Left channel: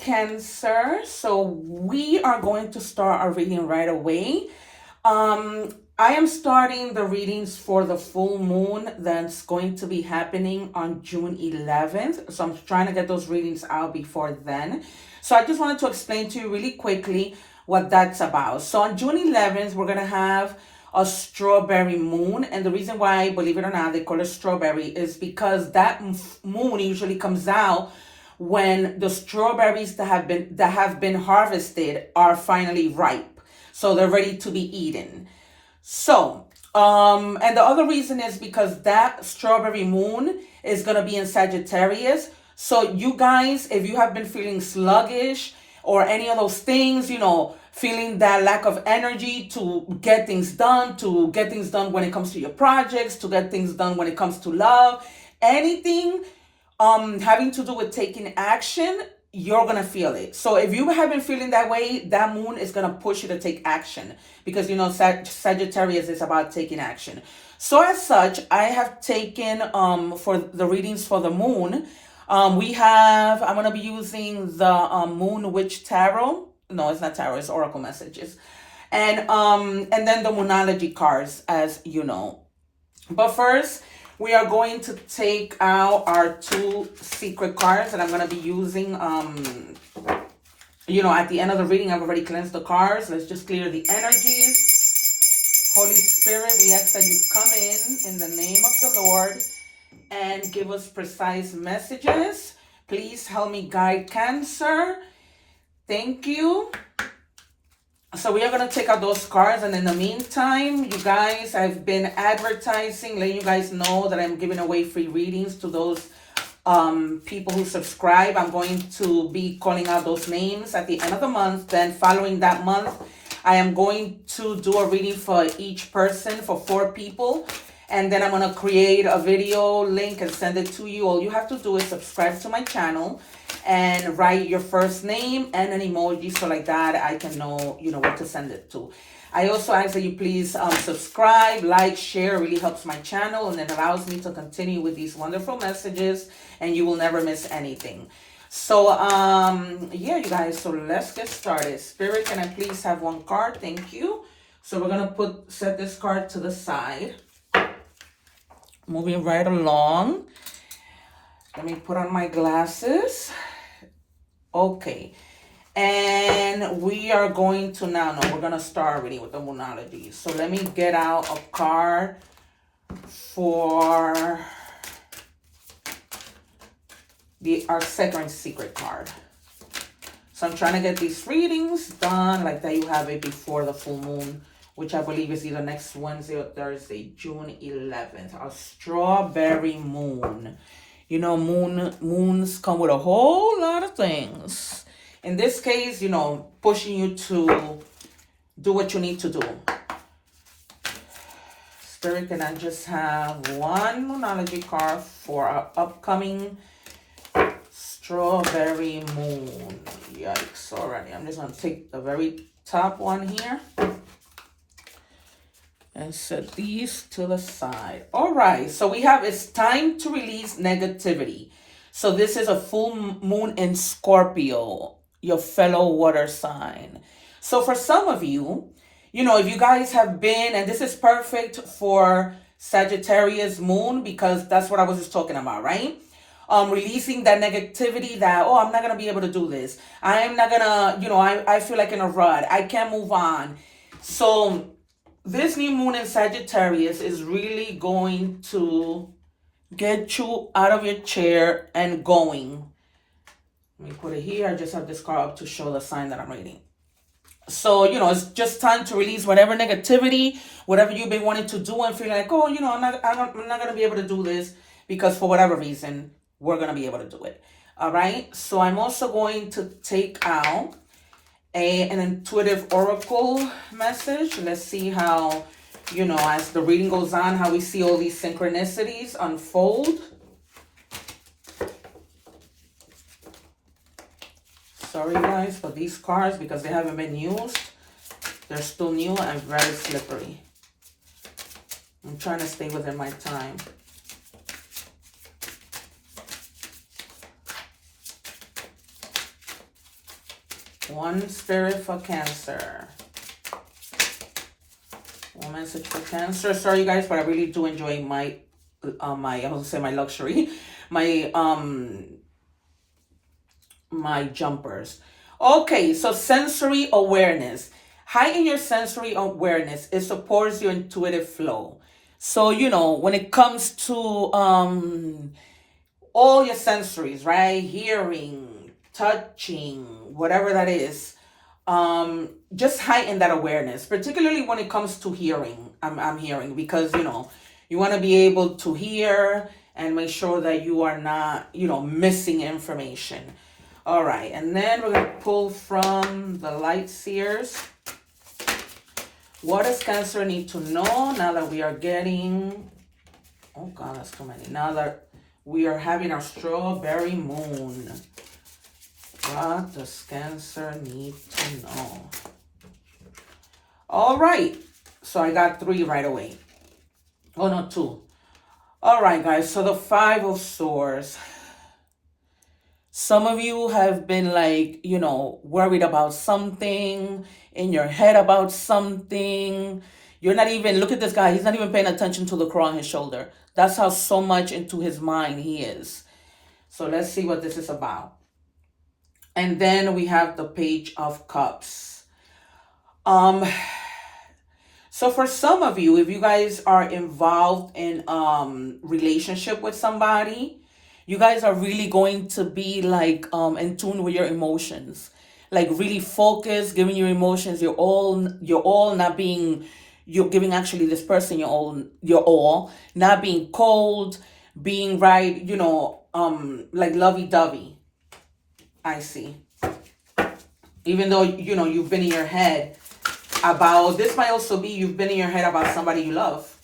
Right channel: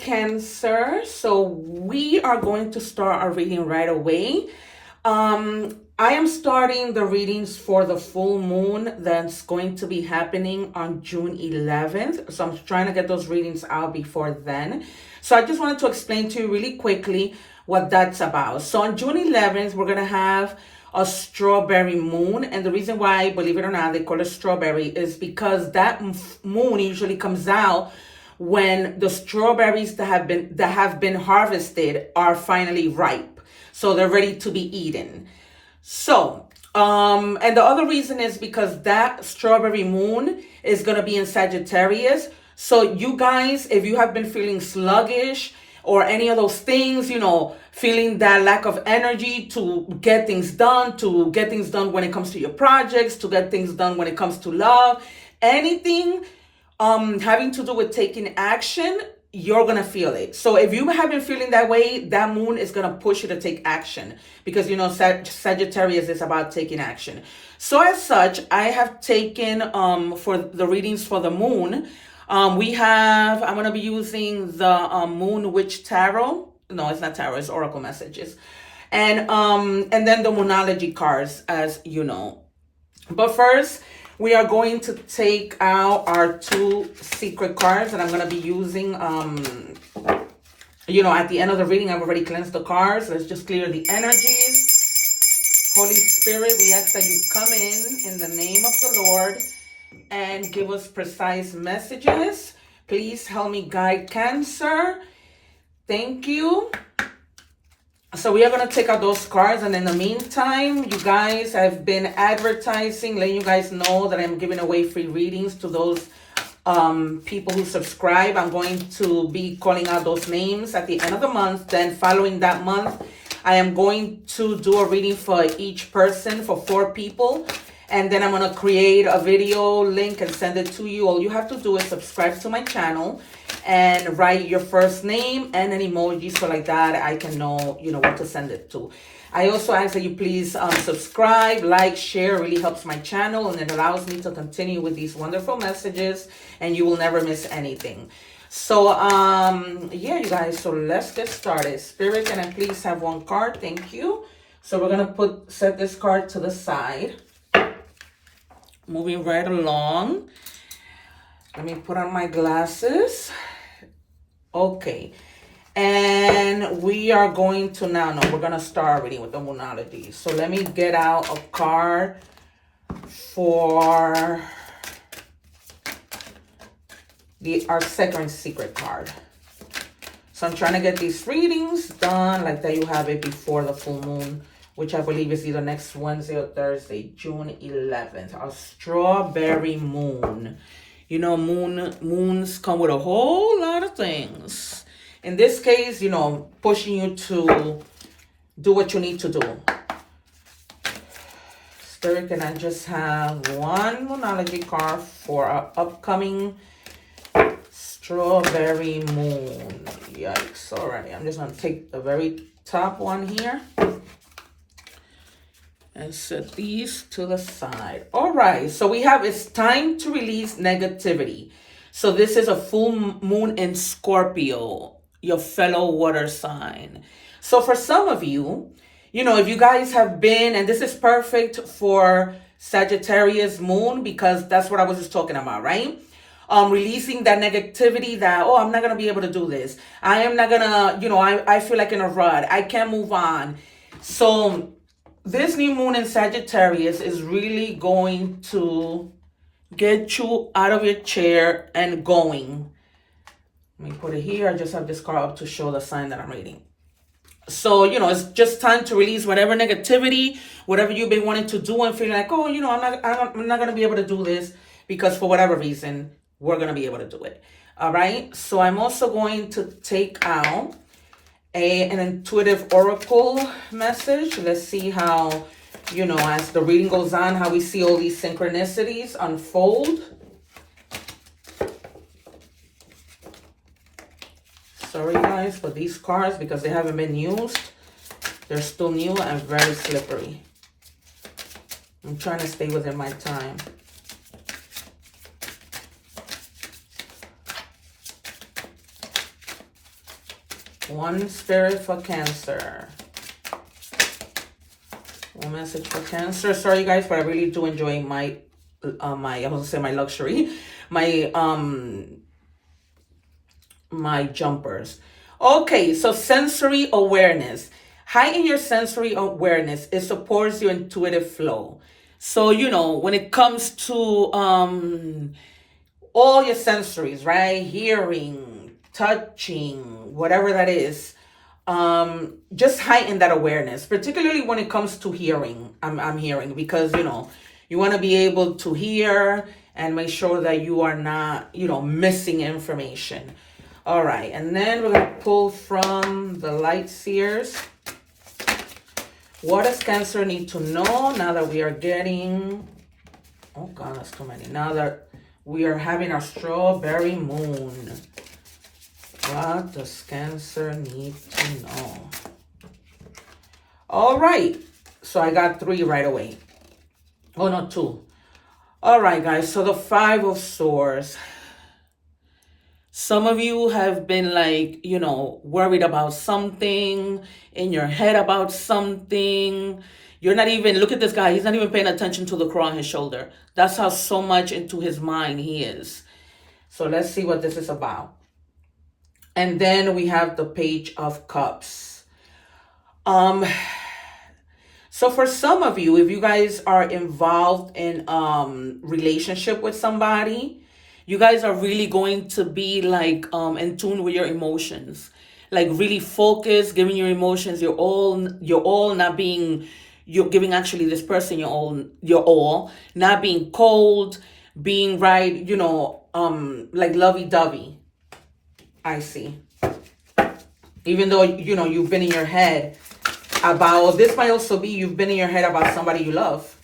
Cancer. So we are going to start our reading right away. I am starting the readings for the full moon that's going to be happening on June 11th. So I'm trying to get those readings out before then. So I just wanted to explain to you really quickly what that's about. So on June 11th, we're going to have a strawberry moon. And the reason why, believe it or not, they call it strawberry is because that moon usually comes out when the strawberries that have been harvested are finally ripe. So they're ready to be eaten. So, and the other reason is because that strawberry moon is going to be in Sagittarius. So you guys, if you have been feeling sluggish or any of those things, feeling that lack of energy to get things done, when it comes to your projects, to get things done when it comes to love, anything having to do with taking action, you're gonna feel it. So if you have been feeling that way, that moon is gonna push you to take action because Sagittarius is about taking action. So as such, I have taken for the readings for the moon. I'm gonna be using the Moon Witch Tarot. No, it's not tarot, it's oracle messages. And then the Moonology cards, as you know. But first, we are going to take out our 2 secret cards that I'm going to be using. At the end of the reading, I've already cleansed the cards. Let's just clear the energies. Holy Spirit, we ask that you come in the name of the Lord and give us precise messages. Please help me guide Cancer. Thank you. So we are going to take out those cards, and in the meantime, you guys, I've been advertising, letting you guys know that I'm giving away free readings to those people who subscribe. I'm going to be calling out those names at the end of the month. Then following that month, I am going to do a reading for each person, for 4 people. And then I'm going to create a video link and send it to you. All you have to do is subscribe to my channel and write your first name and an emoji, so like that I can know, what to send it to. I also ask that you please subscribe, like, share. It really helps my channel, and it allows me to continue with these wonderful messages, and you will never miss anything. So, yeah, you guys, so let's get started. Spirit, can I please have 1 card? Thank you. So we're going to set this card to the side. Moving right along. Let me put on my glasses. Okay. And we are going to we're going to start already with the Moonology. So let me get out a card for our second secret card. So I'm trying to get these readings done like that you have it before the full moon, which I believe is either next Wednesday or Thursday, June 11th. A strawberry moon. Moons come with a whole lot of things. In this case, pushing you to do what you need to do. Spirit, can I just have 1 Moonology card for our upcoming strawberry moon? Yikes, already. I'm just going to take the very top one here and set these to the side. All right, so we have, it's time to release negativity. So this is a full moon in Scorpio, your fellow water sign. So for some of you, if you guys have been, and this is perfect for Sagittarius moon, because that's what I was just talking about, right? Releasing that negativity that, I'm not going to be able to do this. I am not going to, I feel like in a rut. I can't move on. So this new moon in Sagittarius is really going to get you out of your chair and going. Let me put it here. I just have this card up to show the sign that I'm reading. So, it's just time to release whatever negativity, whatever you've been wanting to do and feeling like, I'm not going to be able to do this because for whatever reason, we're going to be able to do it. All right. So I'm also going to take out an intuitive oracle message. Let's see how, as the reading goes on, how we see all these synchronicities unfold. Sorry guys for these cards because they haven't been used. They're still new and very slippery. I'm trying to stay within my time. One spirit for Cancer. One message for Cancer. Sorry guys, but I really do enjoy my I was gonna say my luxury, my my jumpers. Okay, so sensory awareness. Heighten your sensory awareness. It supports your intuitive flow. So, you know, when it comes to all your sensories, right? Hearing, touching, whatever that is, just heighten that awareness, particularly when it comes to hearing. I'm hearing, because, you know, you want to be able to hear and make sure that you are not, you know, missing information. All right, and then we're going to pull from the Light Seers. What does Cancer need to know now that we are getting... Oh, God, that's too many. Now that we are having our strawberry moon. What does Cancer need to know? All right. So I got 3 right away. Oh, no, 2. All right, guys. So the 5 of Swords. Some of you have been like, you know, worried about something, in your head about something. You're not even, look at this guy. He's not even paying attention to the crow on his shoulder. That's how so much into his mind he is. So let's see what this is about. And then we have the Page of Cups. So for some of you, if you guys are involved in relationship with somebody, you guys are really going to be like in tune with your emotions, like really focused, giving your emotions your all, not being, you're giving actually this person your all, not being cold, being right, you know, like lovey-dovey. I see. Even though, you know, you've been in your head about, this might also be you've been in your head about somebody you love.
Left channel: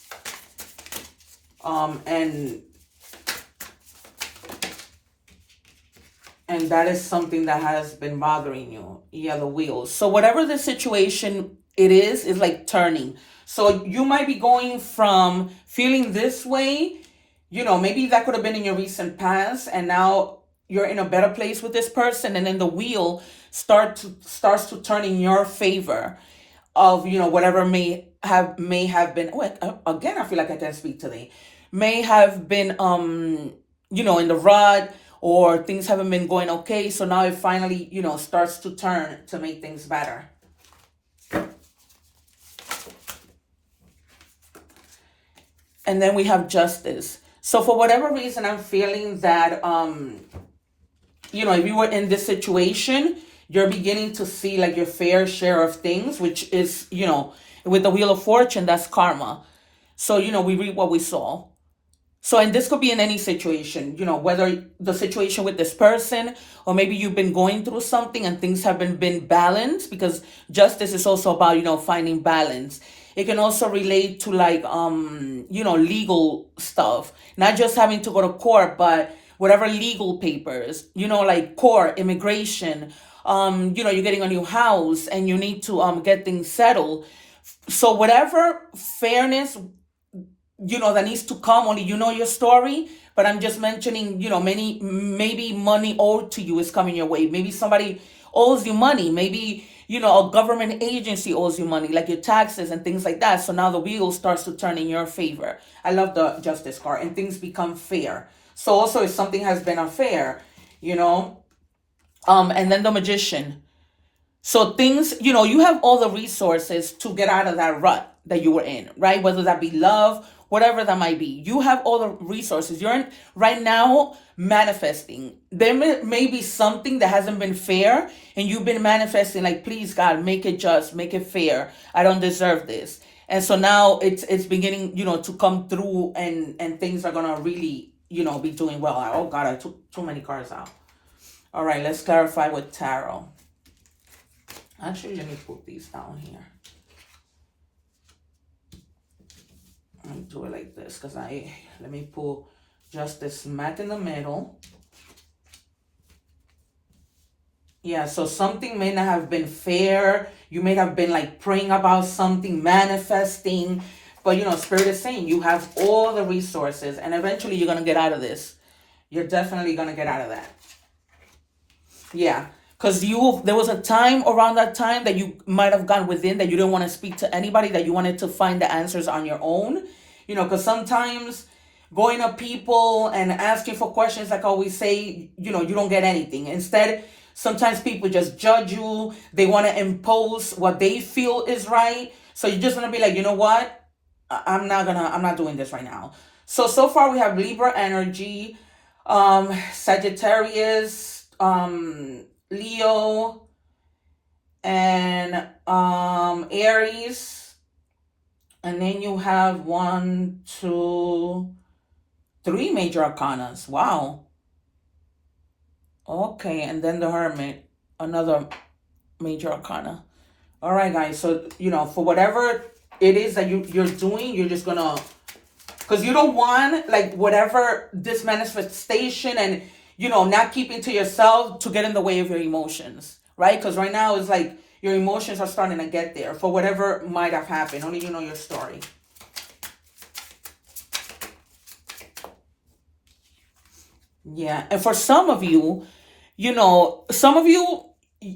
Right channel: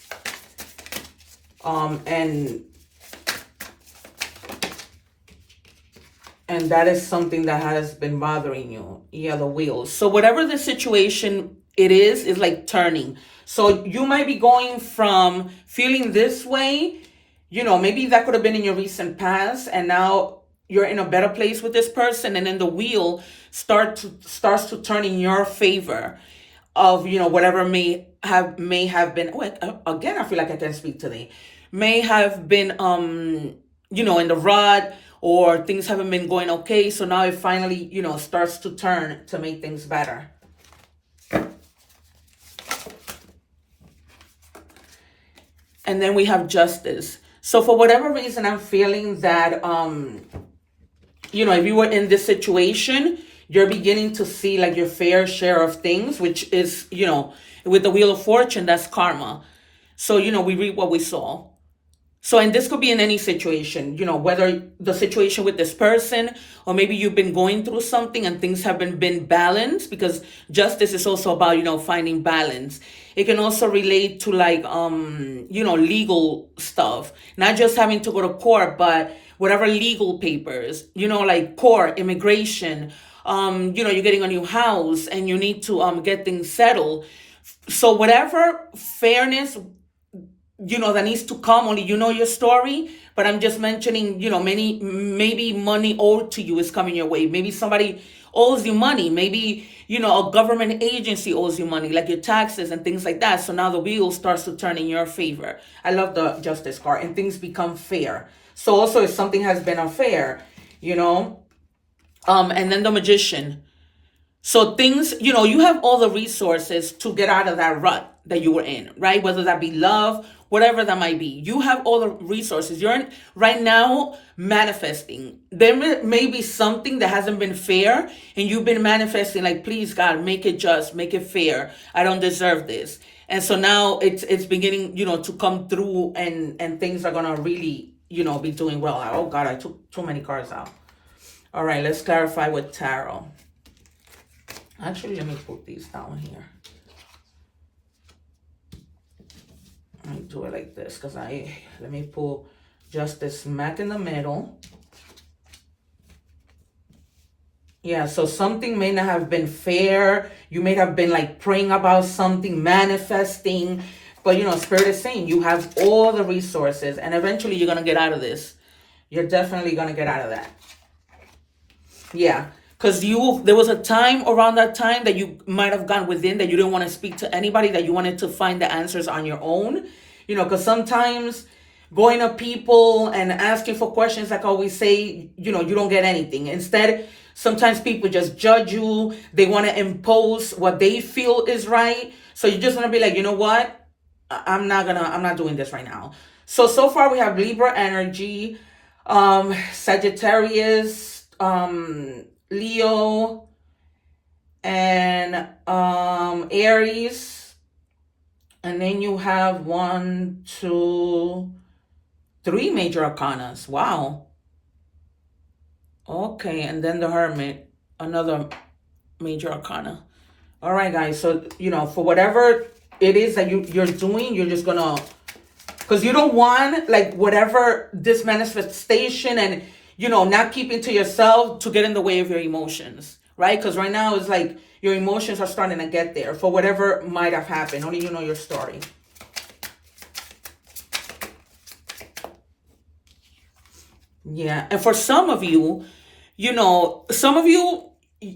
And that is something that has been bothering you. Yeah, the wheels. So whatever the situation it is like turning. So you might be going from feeling this way, you know, maybe that could have been in your recent past, and now you're in a better place with this person, and then the wheel starts to turn in your favor of, you know, whatever may have been. Oh, again, I feel like I can't speak today. May have been, you know, in the rut, or things haven't been going okay. So now it finally, you know, starts to turn to make things better. And then we have Justice. So for whatever reason, I'm feeling that, you know, if you were in this situation, you're beginning to see like your fair share of things, which is, you know, with the Wheel of Fortune, that's karma. So, you know, we reap what we sow. So, and this could be in any situation, you know, whether the situation with this person, or maybe you've been going through something and things haven't been balanced, because justice is also about, you know, finding balance. It can also relate to like, you know, legal stuff, not just having to go to court, but whatever legal papers, you know, like court, immigration, you know, you're getting a new house and you need to get things settled. So whatever fairness, you know, that needs to come, only you know your story. But I'm just mentioning, you know, maybe money owed to you is coming your way. Maybe somebody owes you money. Maybe, you know, a government agency owes you money, like your taxes and things like that. So now the wheel starts to turn in your favor. I love the Justice card, and things become fair. So also if something has been unfair, you know, and then the Magician. So things, you know, you have all the resources to get out of that rut that you were in, right? Whether that be love, whatever that might be. You have all the resources. You're right now manifesting. There may be something that hasn't been fair, and you've been manifesting like, please God, make it just, make it fair. I don't deserve this. And so now it's beginning, you know, to come through, and things are going to really, you know, be doing well. Oh God, I took too many cards out. All right, let's clarify with tarot. Actually, let me put these down here. Let me do it like this, because let me pull Justice smack in the middle. Yeah, so something may not have been fair. You may have been like praying about something, manifesting. But, you know, Spirit is saying you have all the resources, and eventually you're going to get out of this. You're definitely going to get out of that. Yeah. because there was a time around that time that you might have gone within, that you didn't want to speak to anybody, that you wanted to find the answers on your own. Because sometimes going to people and asking for questions, like I always say, you don't get anything. Instead, sometimes people just judge you. They want to impose what they feel is right. So you're just gonna be like, you know what? I'm not doing this right now. So far we have Libra energy, Sagittarius, Leo, and Aries. And then you have 1, 2, 3 major arcanas. Wow. Okay, and then the Hermit, another major arcana. All right, guys. So, for whatever it is that you're doing, you're just gonna, because you don't want, like, whatever this manifestation and, not keeping to yourself to get in the way of your emotions, right? Because right now it's like your emotions are starting to get there for whatever might have happened. Only you know your story. Yeah, and for some of you,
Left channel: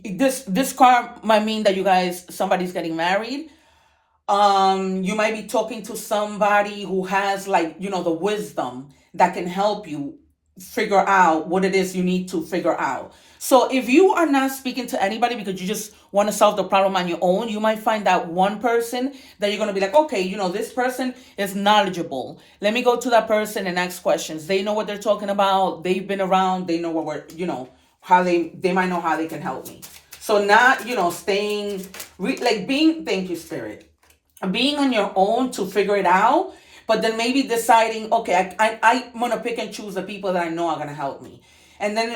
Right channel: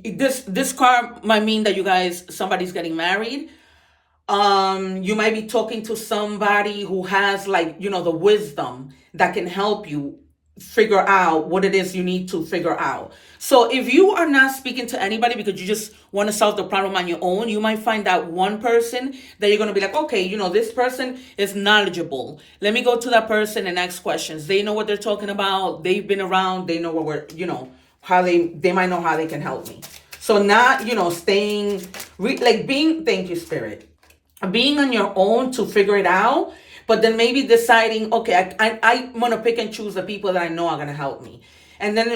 this card might mean that somebody's getting married. You might be talking to somebody who has, like, the wisdom that can help you figure out what it is you need to figure out. So if you are not speaking to anybody because you just want to solve the problem on your own, you might find that one person that you're going to be like, okay, this person is knowledgeable. Let me go to that person and ask questions. They know what they're talking about. They've been around. They know what how they might know how they can help me. So not, staying, thank you, Spirit, being on your own to figure it out, but then maybe deciding, okay, I'm going to pick and choose the people that I know are going to help me. And then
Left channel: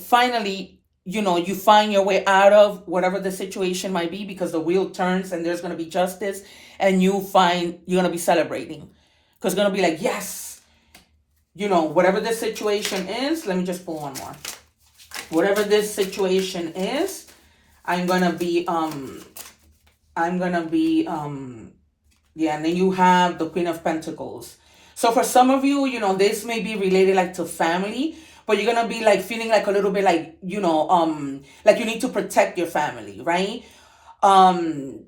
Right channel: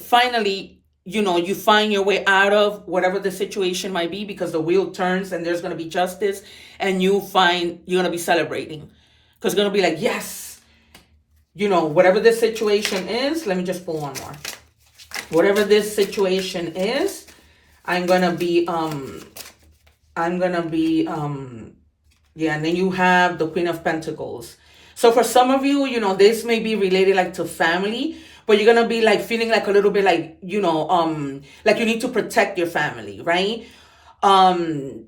finally, you find your way out of whatever the situation might be, because the wheel turns and there's going to be justice, and you're going to be celebrating, because it's going to be like, yes, whatever this situation is. Let me just pull one more. Whatever this situation is, I'm going to be, yeah, and then you have the Queen of Pentacles. So for some of you, this may be related, like, to family, but you're going to be, like, feeling like a little bit like, like you need to protect your family, right? And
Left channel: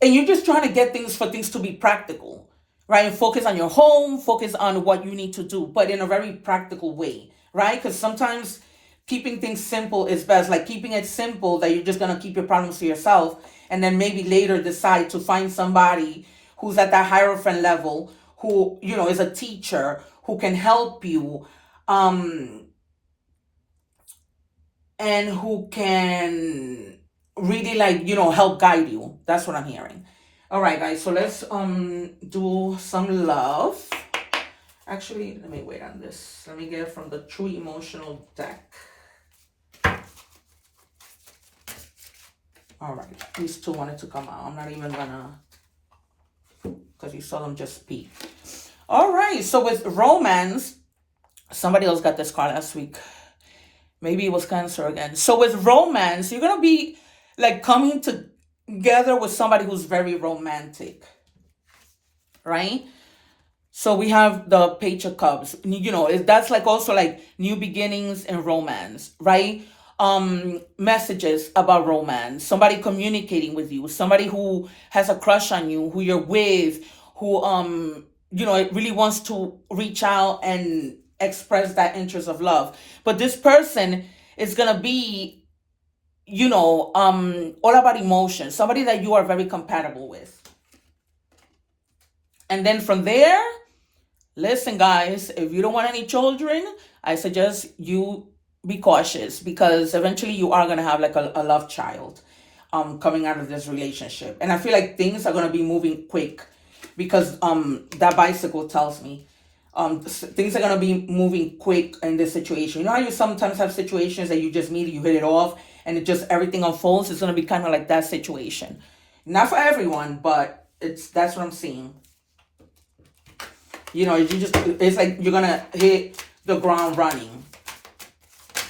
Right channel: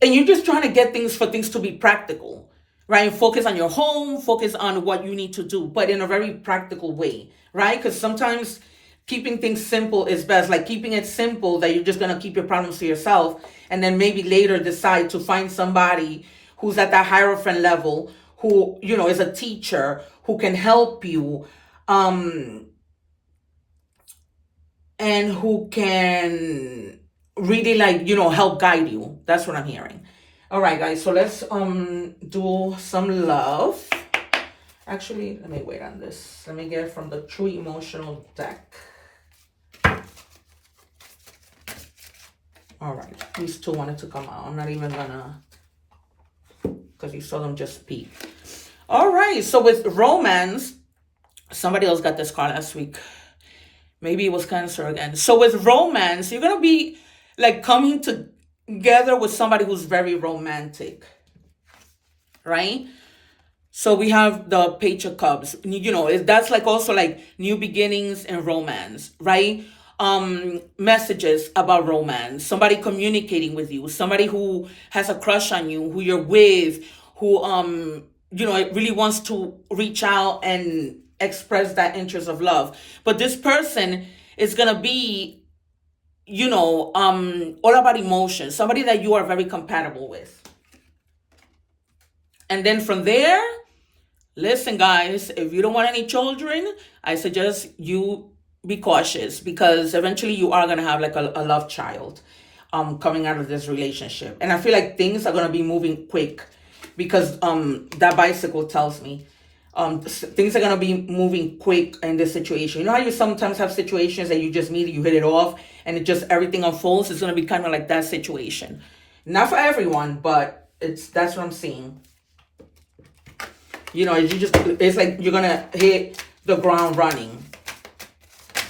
you're just trying to get things to be practical, right? Focus on your home, focus on what you need to do, but in a very practical way, right? Because sometimes keeping things simple is best, like keeping it simple that you're just going to keep your problems to yourself, and then maybe later decide to find somebody who's at that hierophant level, who, is a teacher, who can help you, and who can really, like, help guide you. That's what I'm hearing. All right, guys, so let's do some love. Actually, let me wait on this. Let me get it from the True Emotional deck. All right, these two wanted to come out. I'm not even gonna, because you saw them just peek. All right, so with romance, somebody else got this card last week. Maybe it was Cancer again. So with romance, you're gonna be, like, coming together with somebody who's very romantic, right? So we have the Page of Cups. That's like also like new beginnings in romance, right? Messages about romance, somebody communicating with you, somebody who has a crush on you, who you're with, who really wants to reach out and express that interest of love. But this person is gonna be, all about emotion, somebody that you are very compatible with. And then from there, listen, guys, if you don't want any children, I suggest you be cautious, because eventually you are going to have, like, a love child coming out of this relationship. And I feel like things are going to be moving quick, because that bicycle tells me things are going to be moving quick in this situation. You know how you sometimes have situations that you just meet, you hit it off, and everything unfolds? It's going to be kind of like that situation. Not for everyone, but that's what I'm seeing. It's like you're going to hit the ground running.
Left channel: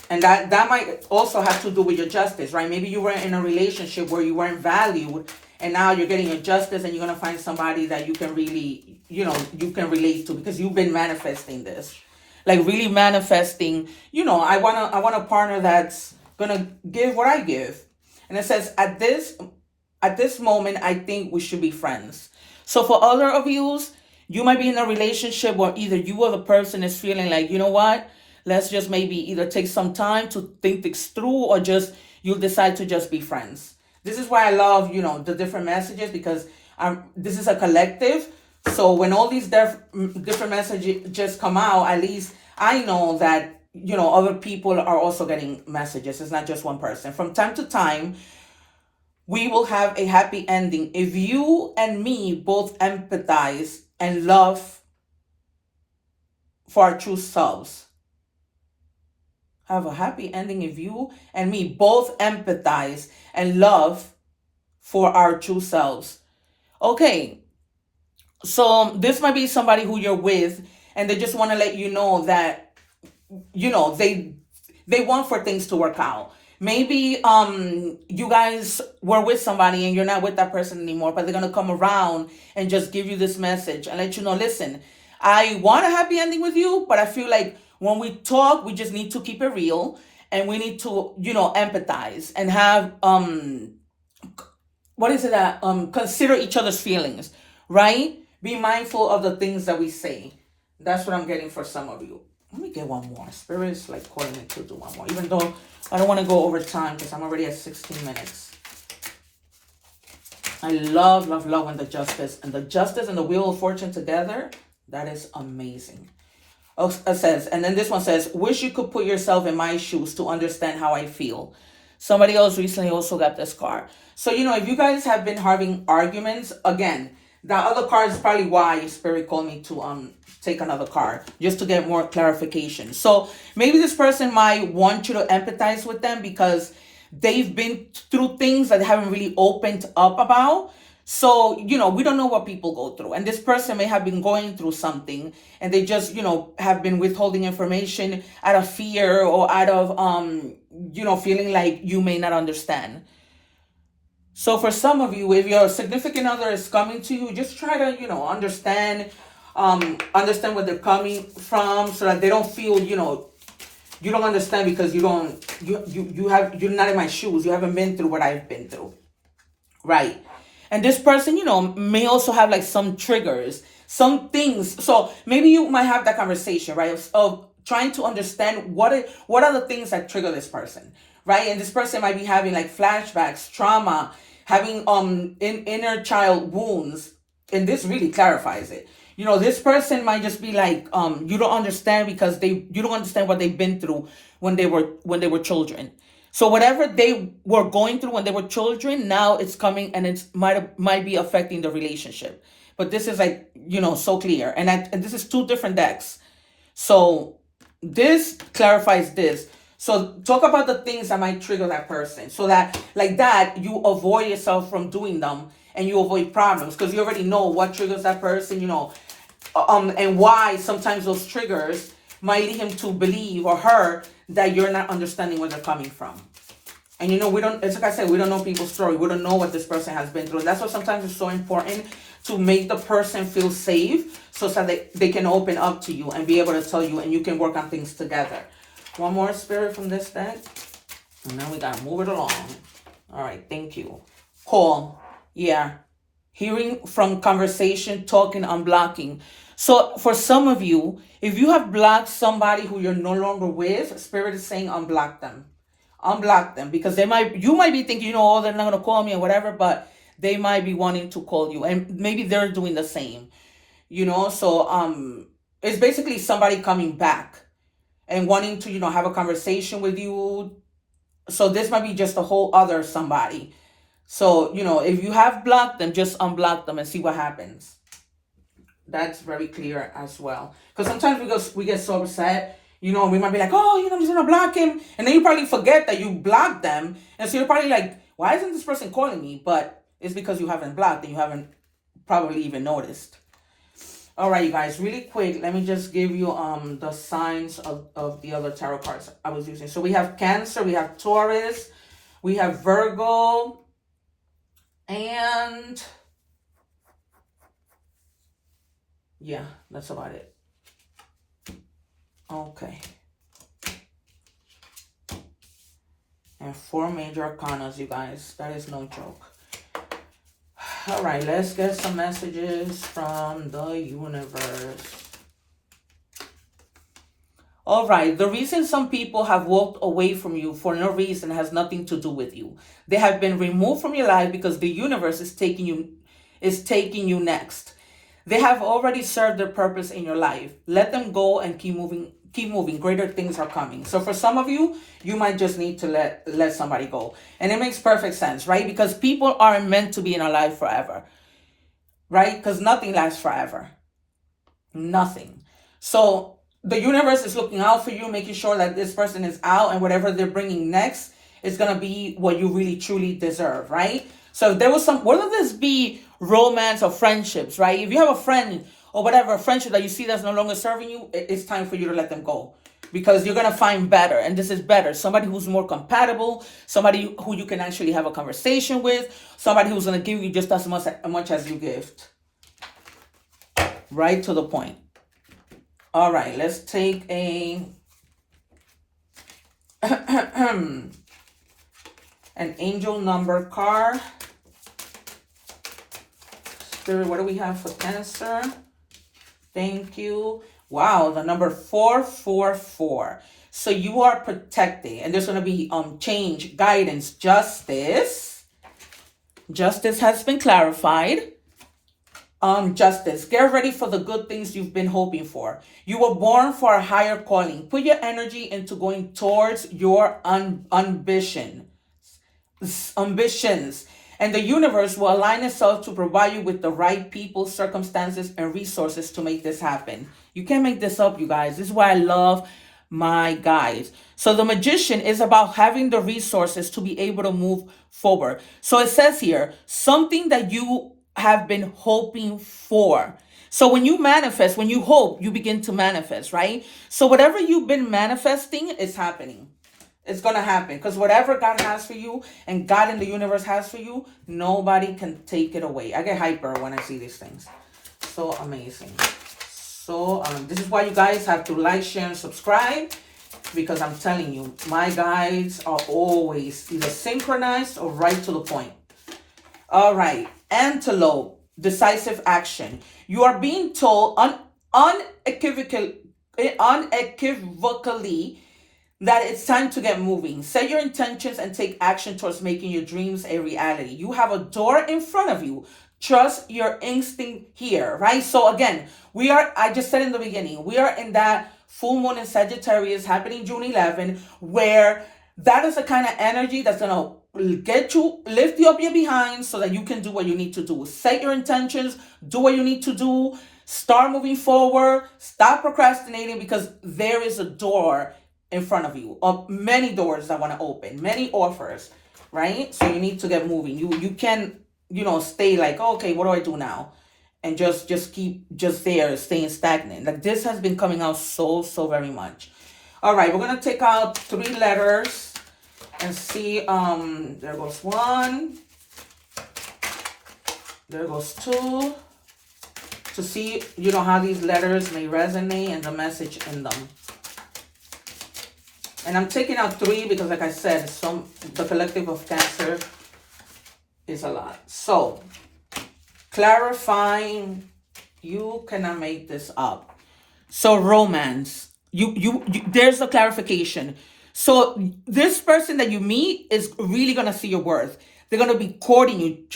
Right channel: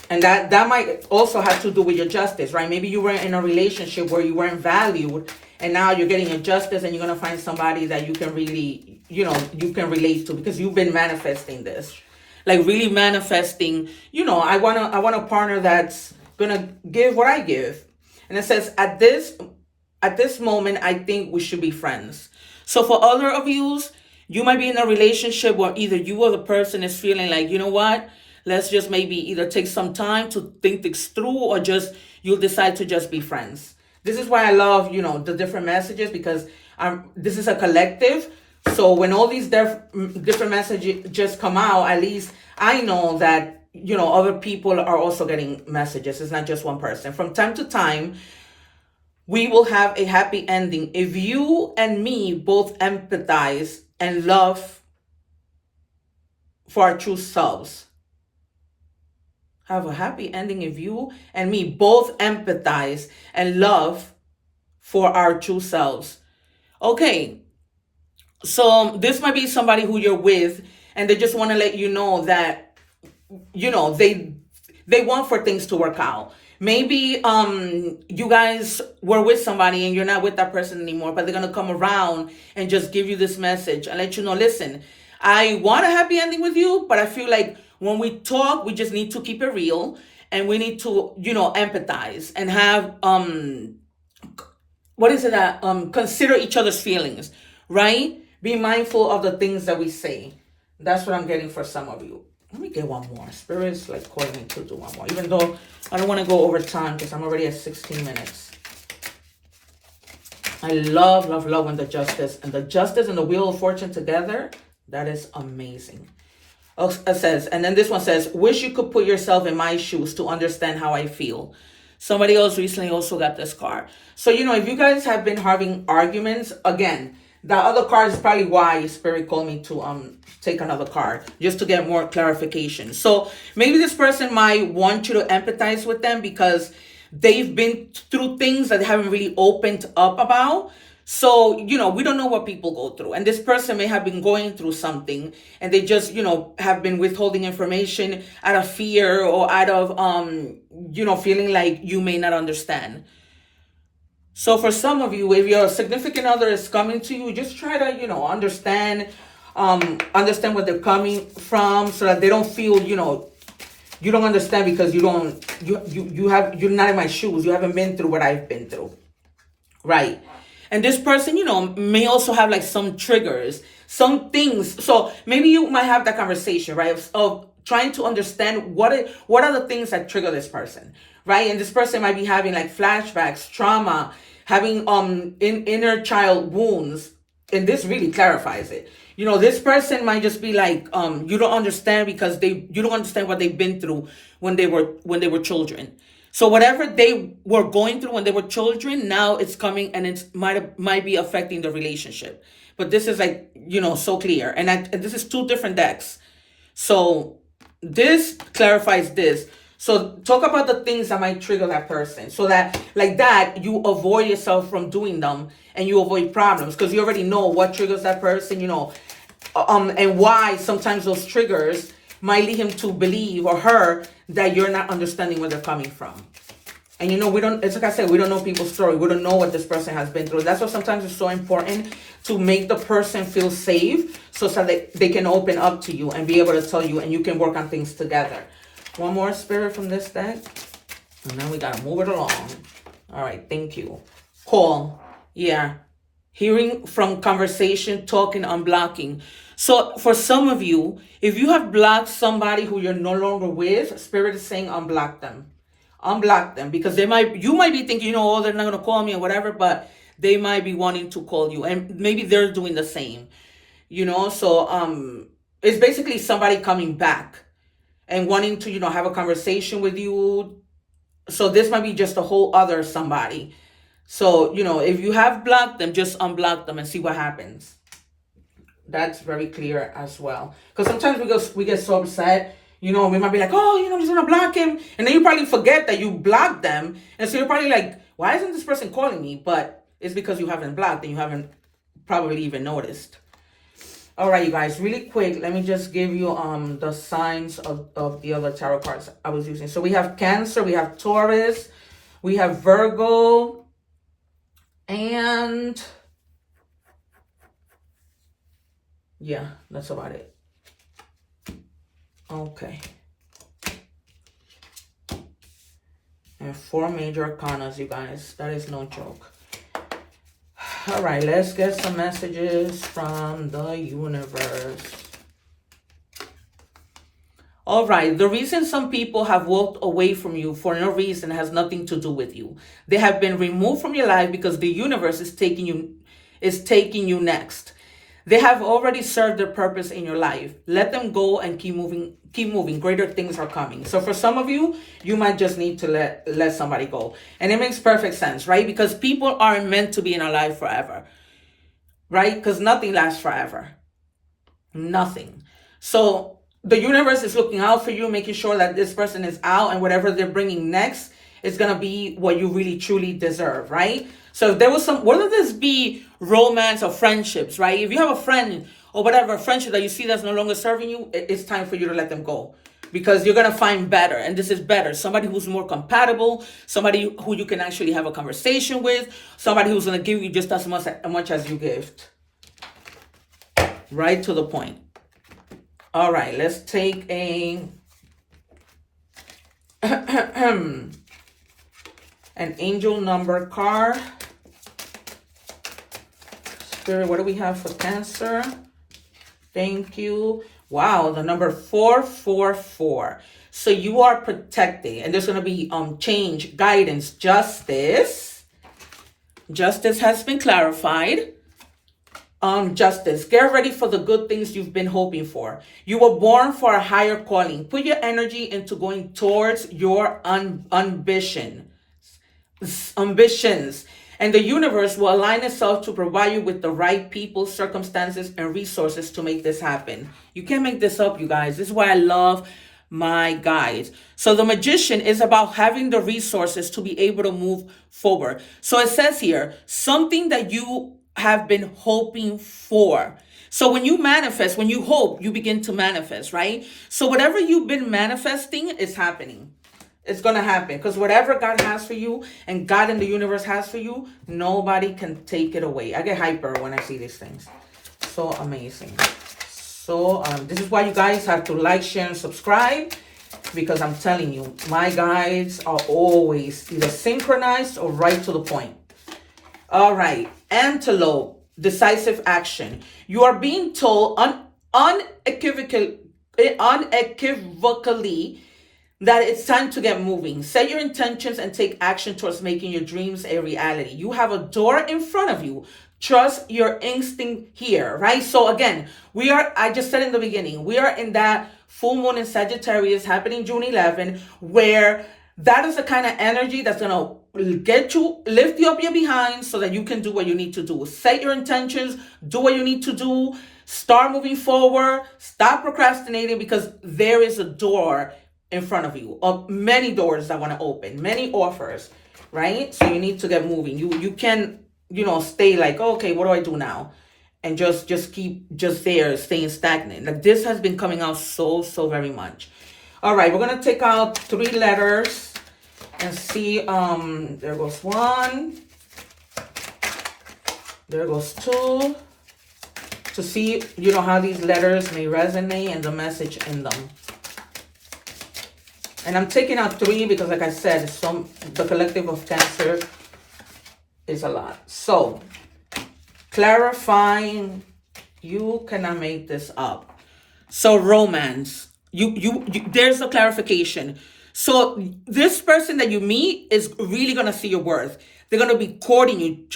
And that might also have to do with your justice, right? Maybe you were in a relationship where you weren't valued, and now you're getting your justice, and you're going to find somebody that you can really, you can relate to, because you've been manifesting this. Like, really manifesting, I want a partner that's gonna give what I give. And it says, at this moment, I think we should be friends. So for other of you might be in a relationship where either you or the person is feeling like, you know what, let's just maybe either take some time to think this through, or just you'll decide to just be friends. This is why I love, the different messages, because this is a collective. So when all these different messages just come out, at least I know that, other people are also getting messages. It's not just one person. From time to time, we will have a happy ending if you and me both empathize and love for our true selves. Have a happy ending if you and me both empathize and love for our true selves. Okay, so this might be somebody who you're with, and they just want to let you know that, they want for things to work out. Maybe you guys were with somebody and you're not with that person anymore, but they're gonna come around and just give you this message and let you know, listen, I want a happy ending with you, but I feel like when we talk, we just need to keep it real, and we need to, empathize and have what is it that consider each other's feelings, right? Be mindful of the things that we say. That's what I'm getting for some of you. Let me get one more. Spirit's like calling me to do one more, even though I don't want to go over time because I'm already at 16 minutes. I love, love, love when the justice and the wheel of fortune together. That is amazing. It says, and then this one says, wish you could put yourself in my shoes to understand how I feel. Somebody else recently also got this card. So, if you guys have been having arguments, again, the other card is probably why Spirit called me to take another card, just to get more clarification. So maybe this person might want you to empathize with them because they've been through things that they haven't really opened up about. So, we don't know what people go through. And this person may have been going through something and they just, have been withholding information out of fear or out of, feeling like you may not understand. So for some of you, if your significant other is coming to you, just try to, understand where they're coming from so that they don't feel, you don't understand because you're not in my shoes. You haven't been through what I've been through. Right. And this person, may also have like some triggers, some things. So maybe you might have that conversation, right? Of trying to understand what are the things that trigger this person, right? And this person might be having like flashbacks, trauma, having inner child wounds, and this really clarifies it. This person might just be like, you don't understand because you don't understand what they've been through when they were children. So whatever they were going through when they were children, now it's coming and it might be affecting the relationship. But this is like, so clear. And this is two different decks. So this clarifies this. So talk about the things that might trigger that person so that like that you avoid yourself from doing them and you avoid problems because you already know what triggers that person, and why sometimes those triggers might lead him to believe or her that you're not understanding where they're coming from. And it's like I said, we don't know people's story. We don't know what this person has been through. That's why sometimes it's so important to make the person feel safe so that they can open up to you and be able to tell you and you can work on things together. One more Spirit from this deck. And then we got to move it along. All right, thank you. Call. Yeah. Hearing from conversation, talking, unblocking. So for some of you, if you have blocked somebody who you're no longer with, Spirit is saying unblock them. Unblock them because you might be thinking, oh, they're not going to call me or whatever, but they might be wanting to call you and maybe they're doing the same, so it's basically somebody coming back and wanting to, have a conversation with you. So this might be just a whole other somebody. So, if you have blocked them, just unblock them and see what happens. That's very clear as well. Because sometimes we get so upset, we might be like, oh, I'm just going to block him. And then you probably forget that you blocked them. And so you're probably like, why isn't this person calling me? But it's because you haven't blocked and you haven't probably even noticed. All right, you guys, really quick, let me just give you the signs of the other tarot cards I was using. So we have Cancer, we have Taurus, we have Virgo, and yeah, that's about it. Okay. And 4 major arcanas, you guys. That is no joke. All right, let's get some messages from the universe. All right, the reason some people have walked away from you for no reason has nothing to do with you. They have been removed from your life because the universe is taking you next. They have already served their purpose in your life. Let them go and keep moving. Keep moving. Greater things are coming. So for some of you, you might just need to let somebody go. And it makes perfect sense, right? Because people aren't meant to be in our life forever, right? Because nothing lasts forever. Nothing. So the universe is looking out for you, making sure that this person is out, and whatever they're bringing next is going to be what you really truly deserve, right? So if there was whether this be romance or friendships, right? If you have a friend or whatever, a friendship that you see that's no longer serving you, it's time for you to let them go. Because you're going to find better, and this is better. Somebody who's more compatible, somebody who you can actually have a conversation with, somebody who's going to give you just as much as you give. Right to the point. All right, let's take an angel number card. Spirit, what do we have for Cancer? Thank you. Wow, the number 444. So you are protected, and there's going to be change, guidance, justice. Justice has been clarified. Justice. Get ready for the good things you've been hoping for. You were born for a higher calling. Put your energy into going towards your ambitions. And the universe will align itself to provide you with the right people, circumstances, and resources to make this happen. You can't make this up, you guys. This is why I love my guides. So the Magician is about having the resources to be able to move forward. So it says here, something that you have been hoping for. So when you manifest, when you hope, you begin to manifest, right? So whatever you've been manifesting is happening. It's going to happen, because whatever God has for you and God in the universe has for you, nobody can take it away. I get hyper when I see these things. So amazing. So this is why you guys have to like, share, and subscribe, because I'm telling you, my guides are always either synchronized or right to the point. All right. Antelope, decisive action. You are being told unequivocally that it's time to get moving. Set your intentions and take action towards making your dreams a reality. You have a door in front of you. Trust your instinct here, right? So again, I just said in the beginning, we are in that full moon in Sagittarius happening June 11, where that is the kind of energy that's going to lift you up your behind so that you can do what you need to do. Set your intentions, do what you need to do, start moving forward, stop procrastinating, because there is a door in front of you, many doors that want to open, many offers, right? So you need to get moving. You can, stay like, okay, what do I do now? And just keep there, staying stagnant. Like, this has been coming out so very much. All right, we're going to take out 3 letters and see, there goes 1, there goes 2, to see, how these letters may resonate and the message in them. And I'm taking out 3 because, like I said, the collective of Cancer is a lot. So, clarifying, you cannot make this up. So, romance, you there's a clarification. So, this person that you meet is really going to see your worth. They're going to be courting you,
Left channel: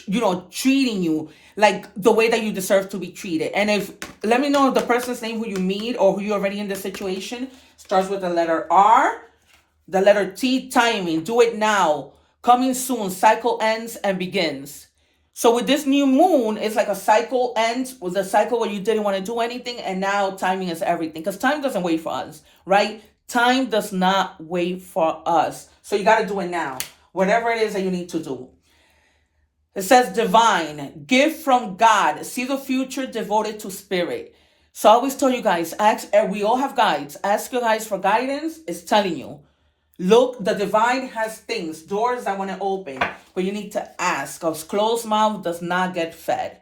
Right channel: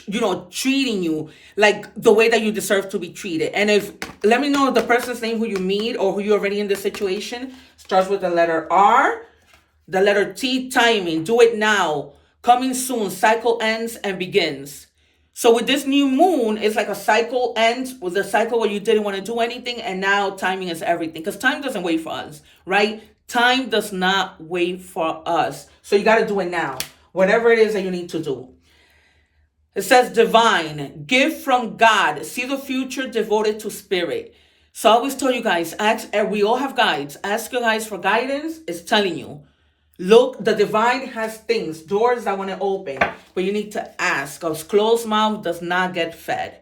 treating you like the way that you deserve to be treated. And let me know if the person's name who you meet or who you're already in the situation starts with the letter R. The letter T, timing, do it now, coming soon, cycle ends and begins. So with this new moon, it's like a cycle ends with a cycle where you didn't want to do anything, and now timing is everything, because time doesn't wait for us, right? Time does not wait for us. So you got to do it now, whatever it is that you need to do. It says divine, gift from God, see the future devoted to spirit. So I always tell you guys, we all have guides. Ask your guides for guidance. It's telling you. Look, the divine has things, doors that want to open, but you need to ask, because closed mouth does not get fed.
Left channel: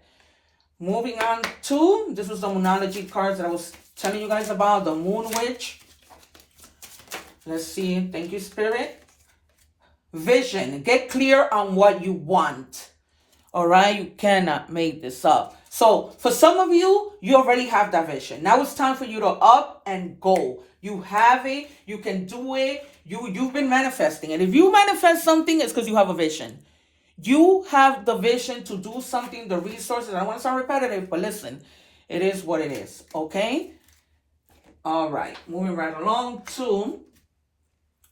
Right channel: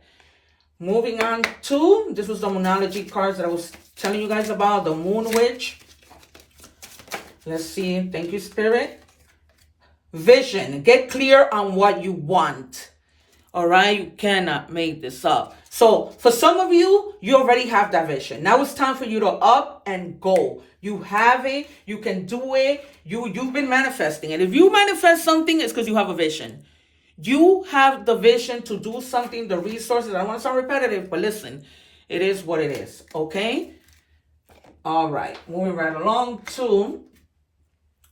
Moving on to, this was the Moonology cards that I was telling you guys about, the Moon Witch. Let's see. Thank you, Spirit. Vision. Get clear on what you want. All right, you cannot make this up. So for some of you, you already have that vision. Now it's time for you to up and go. You have it. You can do it. You've been manifesting. And if you manifest something, it's because you have a vision. You have the vision to do something, the resources. I don't want to sound repetitive, but listen, it is what it is. Okay? All right. Moving right along to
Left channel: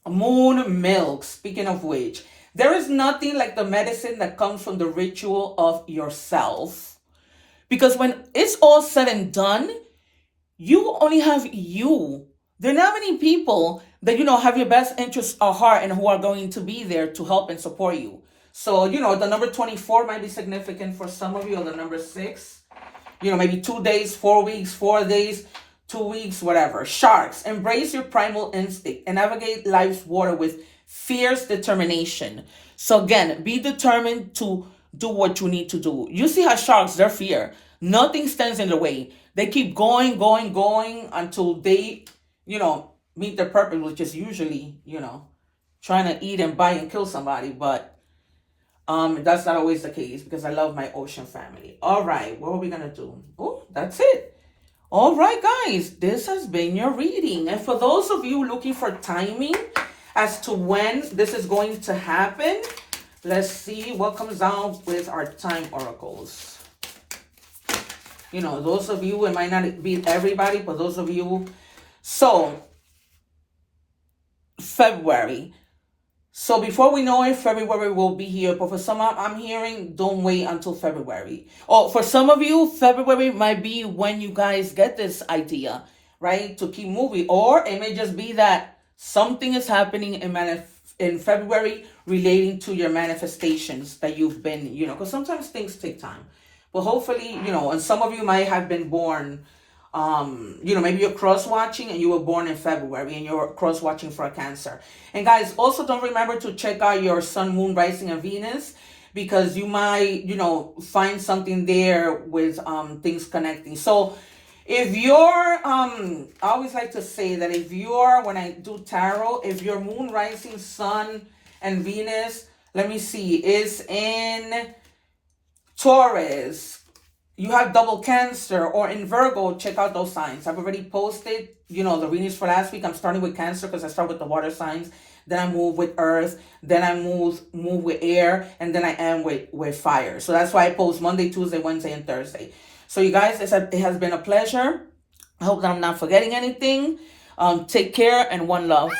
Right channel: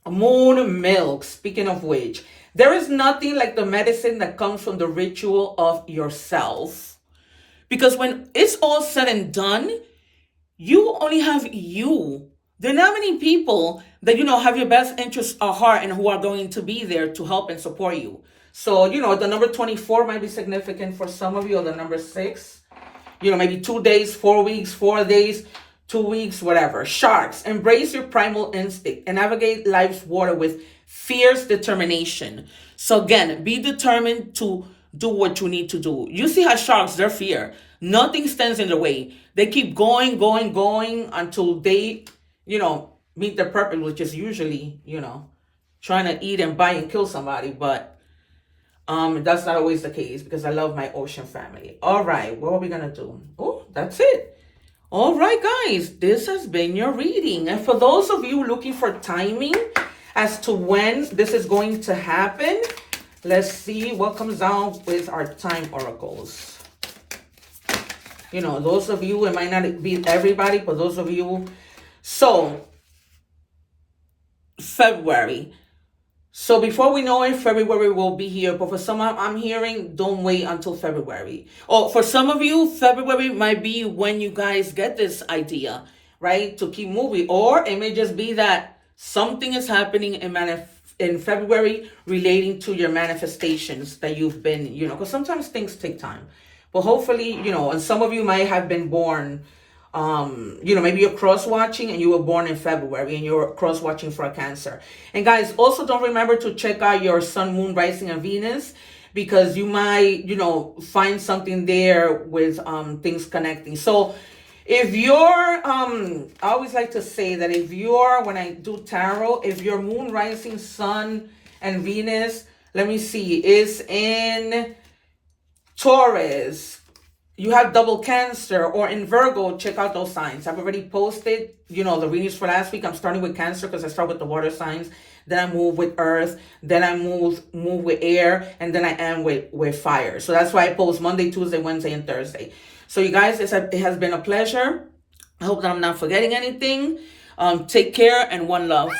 moon milk. Speaking of which, there is nothing like the medicine that comes from the ritual of yourself. Because when it's all said and done, you only have you. There are not many people that, have your best interests at heart and who are going to be there to help and support you. So, the number 24 might be significant for some of you, or the number 6. Maybe 2 days, 4 weeks, 4 days, 2 weeks, whatever. Sharks, embrace your primal instinct and navigate life's water with fierce determination. So again, be determined to do what you need to do. You see how sharks, they're fear. Nothing stands in the way. They keep going, going, going until they, meet their purpose, which is usually, trying to eat and bite and kill somebody. But that's not always the case because I love my ocean family. All right, what are we going to do? Oh, that's it. All right, guys, this has been your reading. And for those of you looking for timing as to when this is going to happen, let's see what comes out with our time oracles. Those of you, it might not be everybody, but those of you. So, February. So before we know it, February will be here. But for some, I'm hearing, don't wait until February. Oh, for some of you, February might be when you guys get this idea, right? To keep moving. Or it may just be that something is happening in February relating to your manifestations that you've been, because sometimes things take time. But hopefully, and some of you might have been born, maybe you're cross-watching and you were born in February and you're cross-watching for a Cancer. And guys, also don't remember to check out your sun, moon, rising, and Venus, because you might, find something there with things connecting. So if you're, I always like to say that if you're, when I do tarot, if your moon, rising, sun, and Venus, let me see, is in Taurus, you have double Cancer, or in Virgo, check out those signs. I've already posted, the readings for last week. I'm starting with Cancer because I start with the water signs. Then I move with Earth. Then I move with Air. And then I end with Fire. So that's why I post Monday, Tuesday, Wednesday, and Thursday. So you guys, it has been a pleasure. I hope that I'm not forgetting anything. Take care and one love.